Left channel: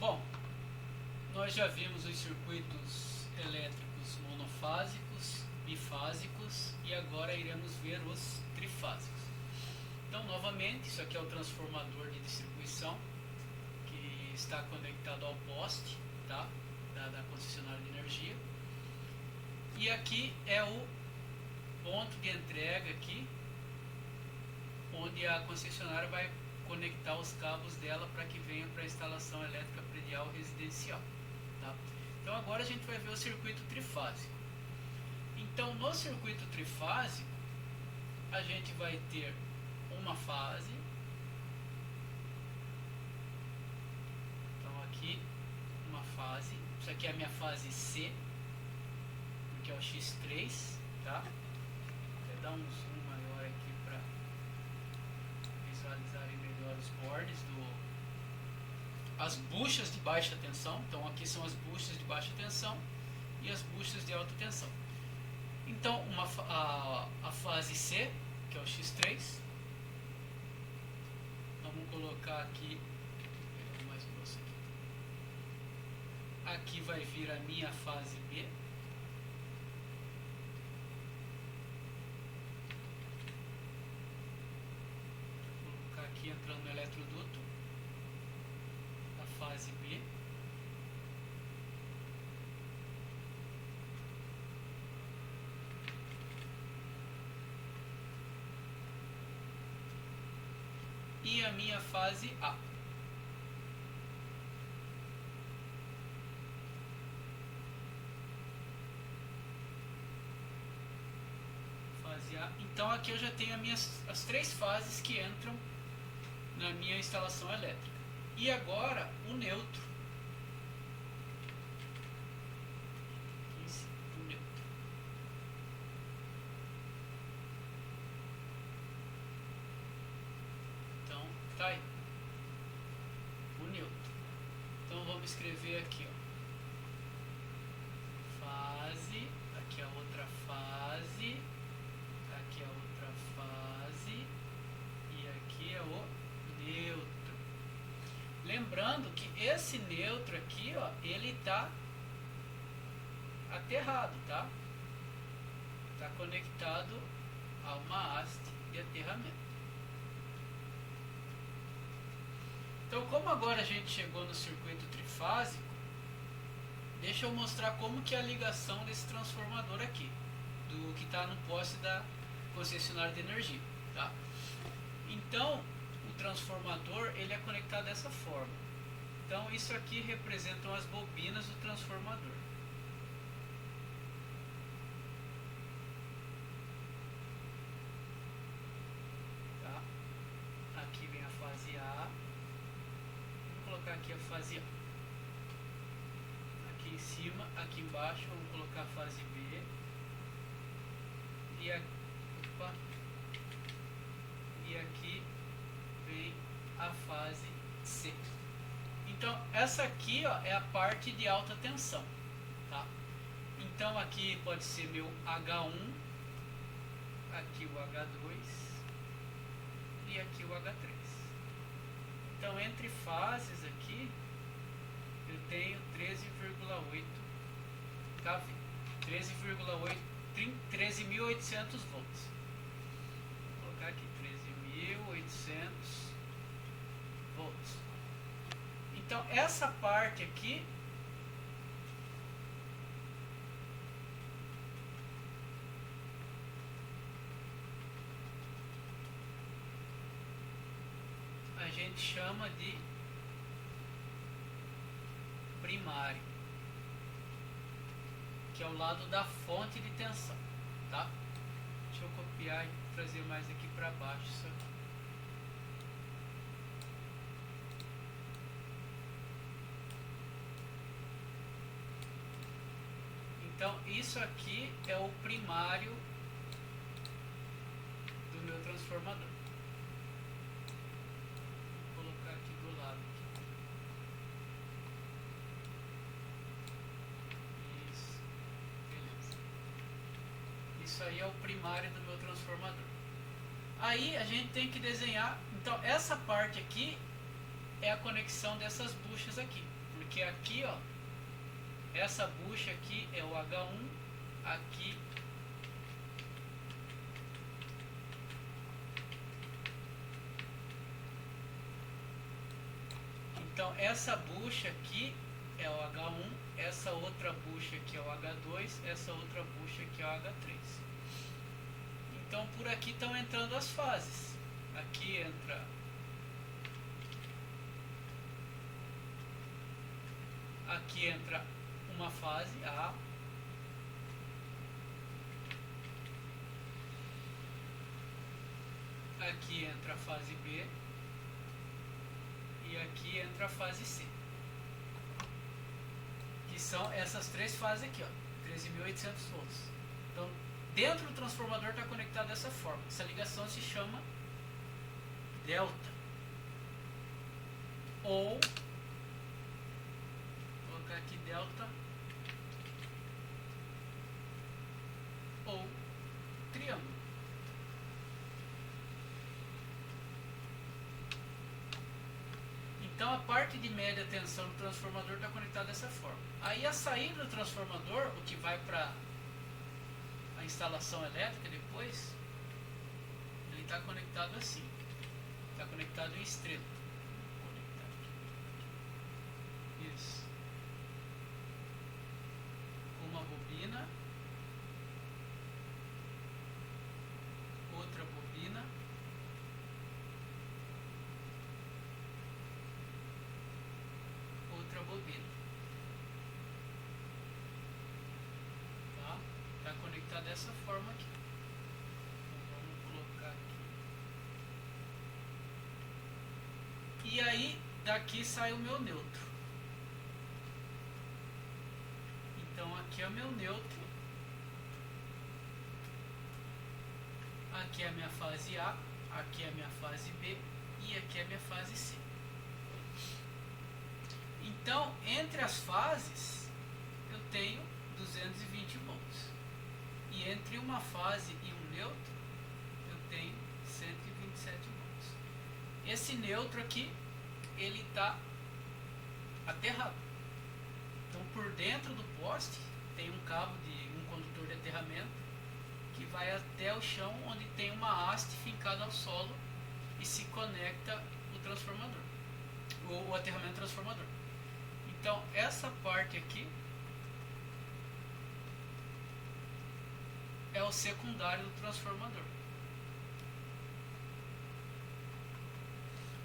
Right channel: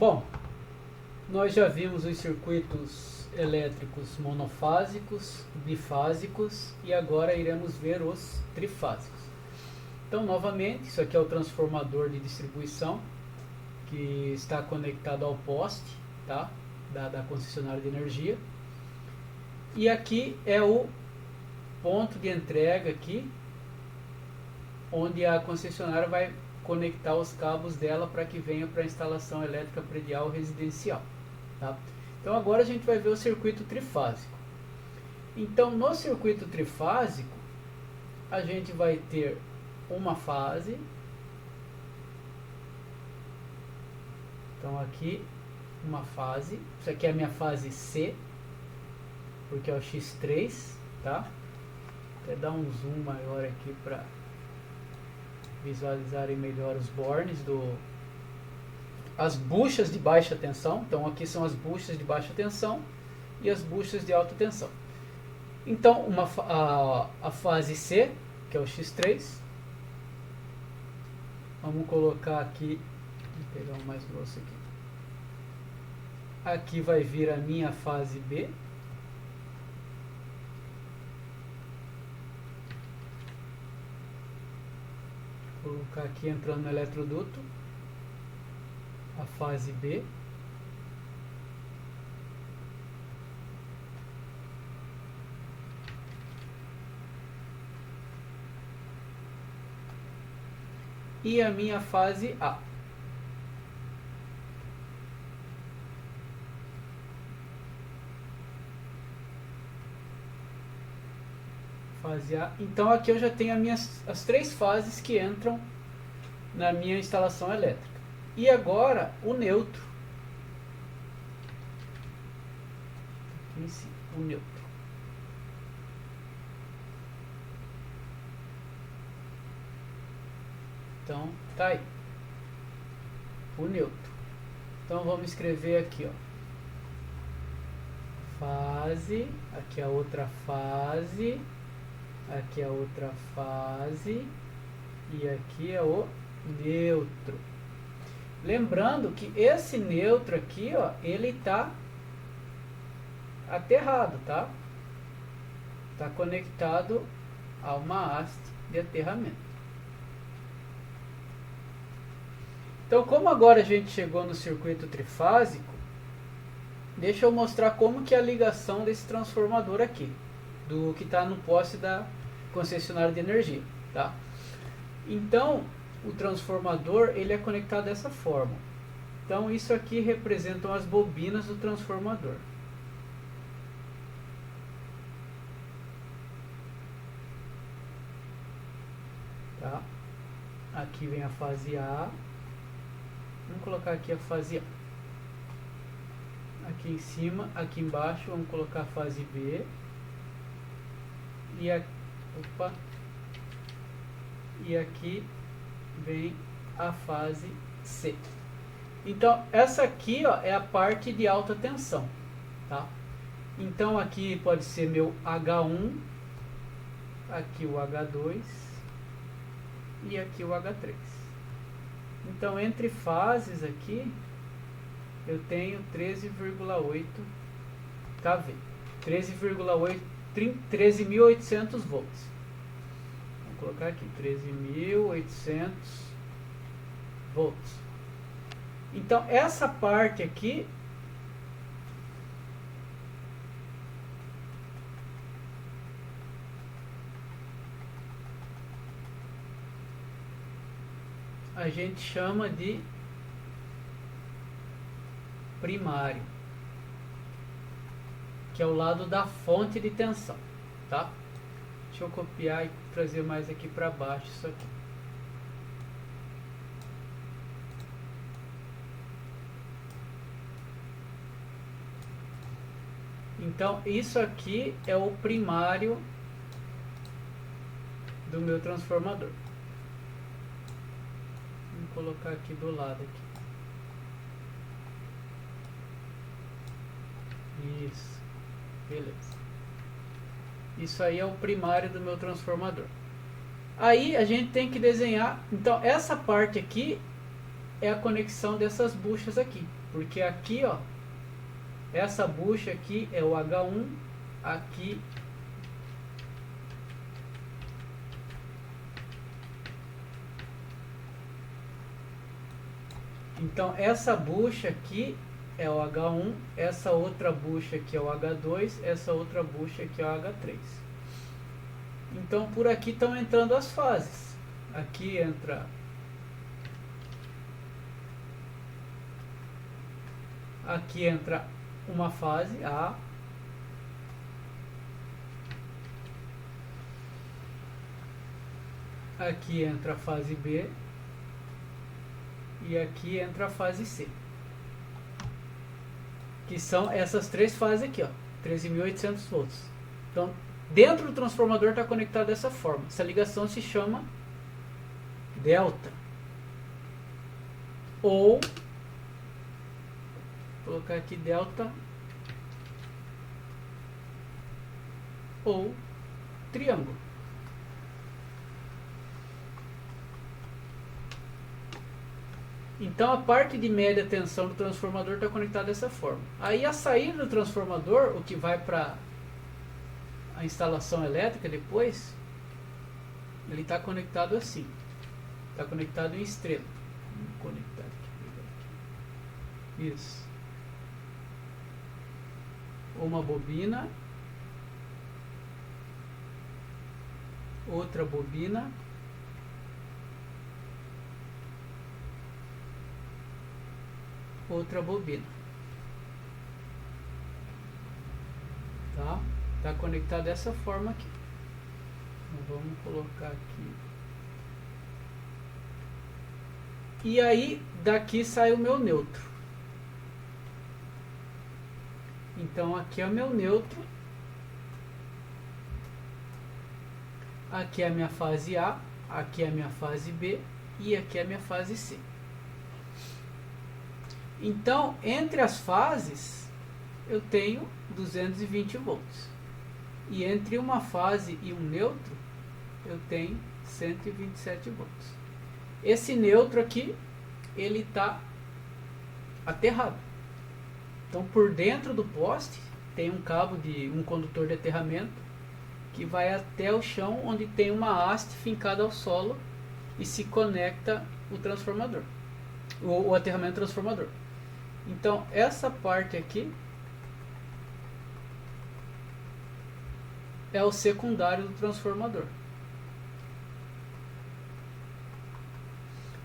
Bom, nós já vimos os circuitos elétricos monofásicos, bifásicos e agora iremos ver os trifásicos. Então, novamente, isso aqui é o transformador de distribuição que está conectado ao poste, tá? da concessionária de energia. E aqui é o ponto de entrega aqui, onde a concessionária vai conectar os cabos dela para que venha para a instalação elétrica predial residencial. Tá? Então agora a gente vai ver o circuito trifásico. Então no circuito trifásico a gente vai ter uma fase. Então aqui uma fase, isso aqui é a minha fase C, porque é o X3, tá? Vou até dar um zoom maior aqui para visualizarem melhor os bornes as buchas de baixa tensão. Então aqui são as buchas de baixa tensão e as buchas de alta tensão. Então a fase C, que é o X3, vamos colocar aqui, vou pegar um mais grosso aqui. Aqui vai vir a minha fase B. Vou colocar aqui entrando no eletroduto a fase B. E a minha fase A. Fase A. Então aqui eu já tenho as três fases que entram na minha instalação elétrica. E agora o neutro. Aqui em cima, o neutro. Então tá aí. O neutro. Então vamos escrever aqui, ó. Fase, aqui a outra fase, aqui a outra fase e aqui é o neutro. Lembrando que esse neutro aqui, ó, ele tá aterrado, tá? Tá conectado a uma haste de aterramento. Então, como agora a gente chegou no circuito trifásico, deixa eu mostrar como que é a ligação desse transformador aqui, do que está no poste da concessionária de energia, tá? Então, o transformador ele é conectado dessa forma. Então, isso aqui representam as bobinas do transformador. Tá? Aqui vem a fase A. Vamos colocar aqui a fase A. Aqui em cima, aqui embaixo, vamos colocar a fase B. E aqui vem a fase C. Então essa aqui, ó, é a parte de alta tensão, tá? Então aqui pode ser meu H1, aqui o H2 e aqui o H3. Então entre fases aqui eu tenho 13,8 kV, 13.800 volts. Vou colocar aqui 13.800 volts. Então essa parte aqui a gente chama de primário, que é o lado da fonte de tensão, tá? Deixa eu copiar e trazer mais aqui para baixo isso aqui. Então isso aqui é o primário do meu transformador. Vou colocar aqui do lado aqui. Isso, beleza. Isso aí é o primário do meu transformador. Aí a gente tem que desenhar. Então essa parte aqui é a conexão dessas buchas aqui, porque aqui, ó, essa bucha aqui é o H1, aqui então essa bucha aqui é o H1, essa outra bucha aqui é o H2, essa outra bucha aqui é o H3. Então por aqui estão entrando as fases. Aqui entra uma fase A, aqui entra a fase B e aqui entra a fase C, que são essas três fases aqui, ó, 13.800 volts. Então dentro do transformador está conectado dessa forma. Essa ligação se chama delta, ou vou colocar aqui delta, ou triângulo. Então a parte de média tensão do transformador está conectada dessa forma. Aí a saída do transformador, o que vai para a instalação elétrica depois, ele está conectado assim. Está conectado em estrela. Vamos conectar aqui. Isso. Uma bobina. Outra bobina. Outra bobina. Tá? Tá conectado dessa forma aqui. Então, vamos colocar aqui. E aí daqui sai o meu neutro. Então aqui é o meu neutro. Aqui é a minha fase A, aqui é a minha fase B e aqui é a minha fase C. Então, entre as fases, eu tenho 220 volts. E entre uma fase e um neutro, eu tenho 127 volts. Esse neutro aqui, ele está aterrado. Então, por dentro do poste, tem um cabo de um condutor de aterramento que vai até o chão, onde tem uma haste fincada ao solo e se conecta o transformador, o aterramento transformador. Então essa parte aqui é o secundário do transformador.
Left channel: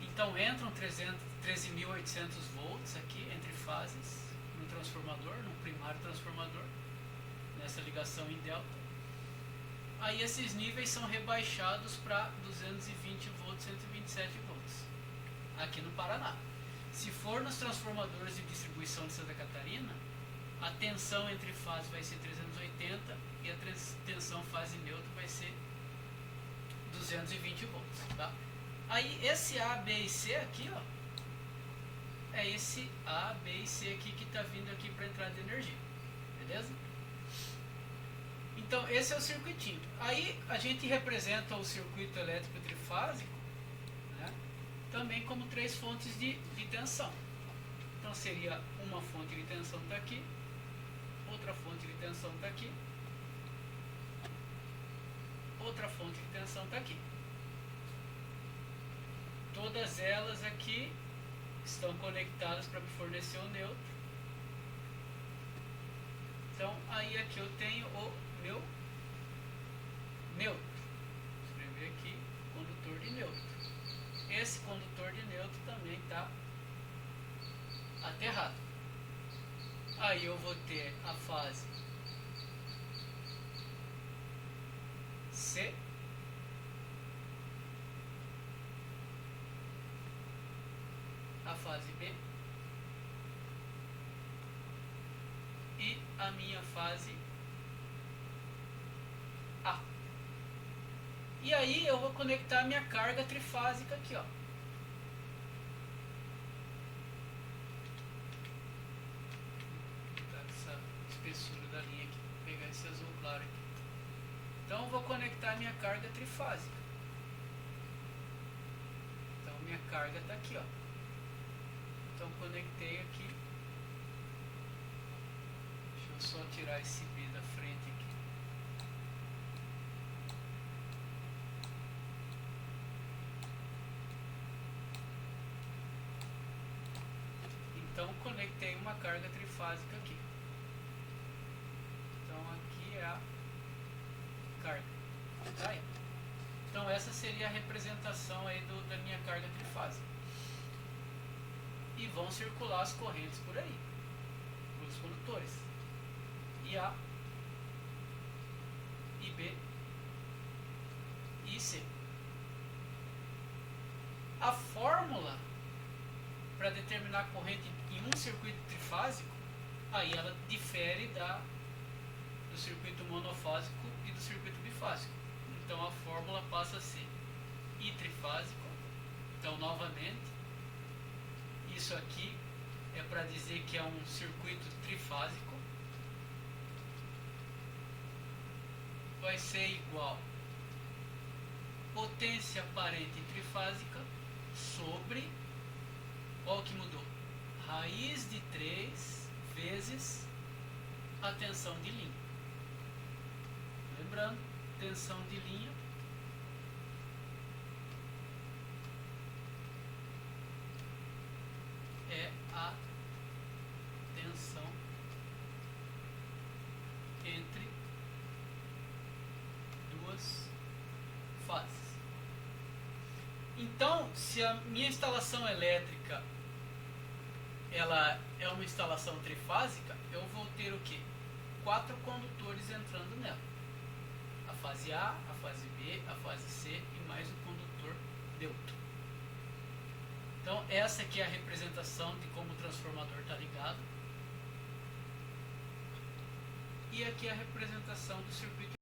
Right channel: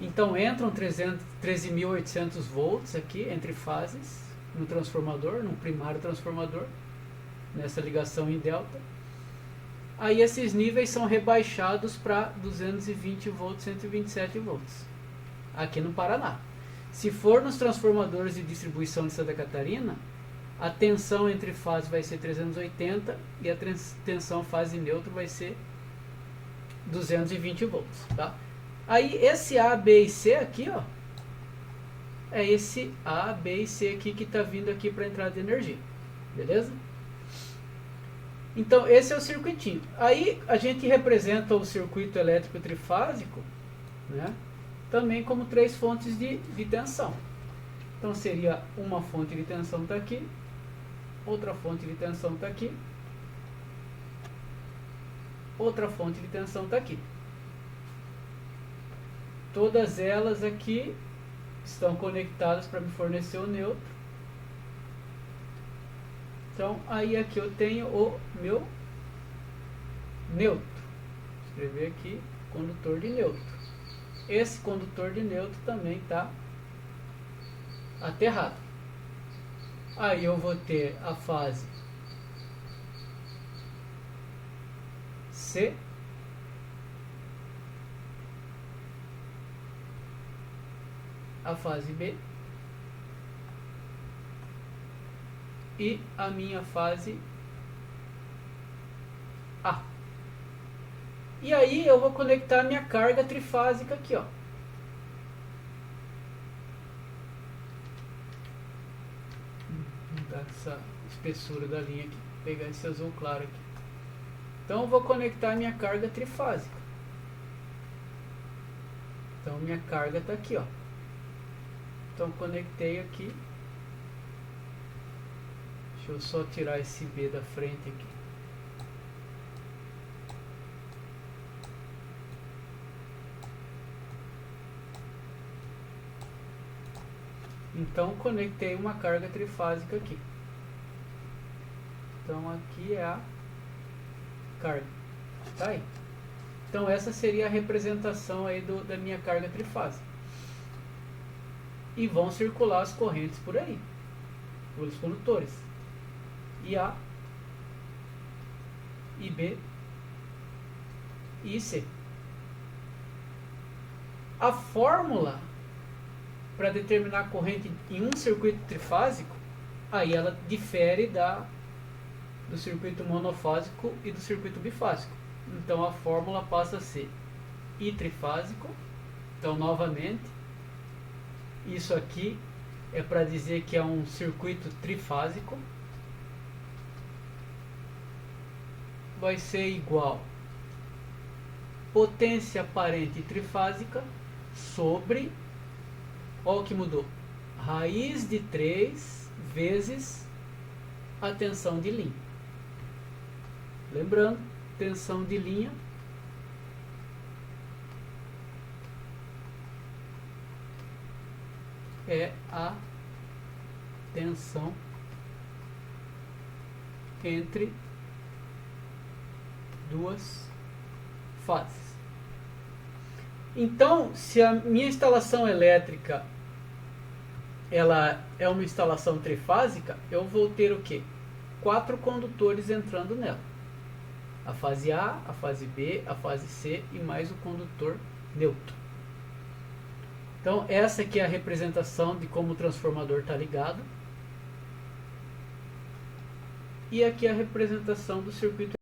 Então entram 13.800 volts aqui entre fases no transformador, no primário transformador, nessa ligação em delta. Aí esses níveis são rebaixados para 220 volts, 127 volts, aqui no Paraná. Se for nos transformadores de distribuição de Santa Catarina, a tensão entre fases vai ser 380 e a tensão fase neutra vai ser 220 volts. Tá? Aí esse A, B e C aqui, ó, é esse A, B e C aqui que está vindo aqui para a entrada de energia. Beleza? Então esse é o circuitinho. Aí a gente representa o circuito elétrico trifásico, né, também como três fontes de tensão. Então seria uma fonte de tensão está aqui, outra fonte de tensão está aqui, outra fonte de tensão está aqui. Todas elas aqui estão conectadas para me fornecer o neutro. Então aí aqui eu tenho o meu neutro. Vou escrever aqui condutor de neutro. Esse condutor de neutro também está aterrado. Aí eu vou ter a fase C, a fase B e a minha fase A. E aí eu vou conectar a minha carga trifásica aqui, ó. Vou mudar essa espessura da linha aqui, pegar esse azul claro aqui. Então eu vou conectar a minha carga trifásica. Então minha carga está aqui, ó. Então conectei aqui. Deixa eu só tirar esse B da frente aqui. Então conectei uma carga trifásica aqui. Então aqui é a carga. Tá aí. Então essa seria a representação aí da minha carga trifásica. E vão circular as correntes por aí, pelos condutores. E A, e B, e C. A fórmula para determinar a corrente em um circuito trifásico, aí ela difere do circuito monofásico e do circuito bifásico. Então a fórmula passa a ser I trifásico. Então novamente, isso aqui é para dizer que é um circuito trifásico. Vai ser igual potência aparente trifásica sobre, olha o que mudou, raiz de 3 vezes a tensão de linha. Lembrando, tensão de linha é a tensão entre duas fases. Então, se a minha instalação elétrica ela é uma instalação trifásica, eu vou ter o quê? 4 condutores entrando nela. A fase A, a fase B, a fase C e mais o condutor neutro. Então, essa aqui é a representação de como o transformador está ligado. E aqui é a representação do circuito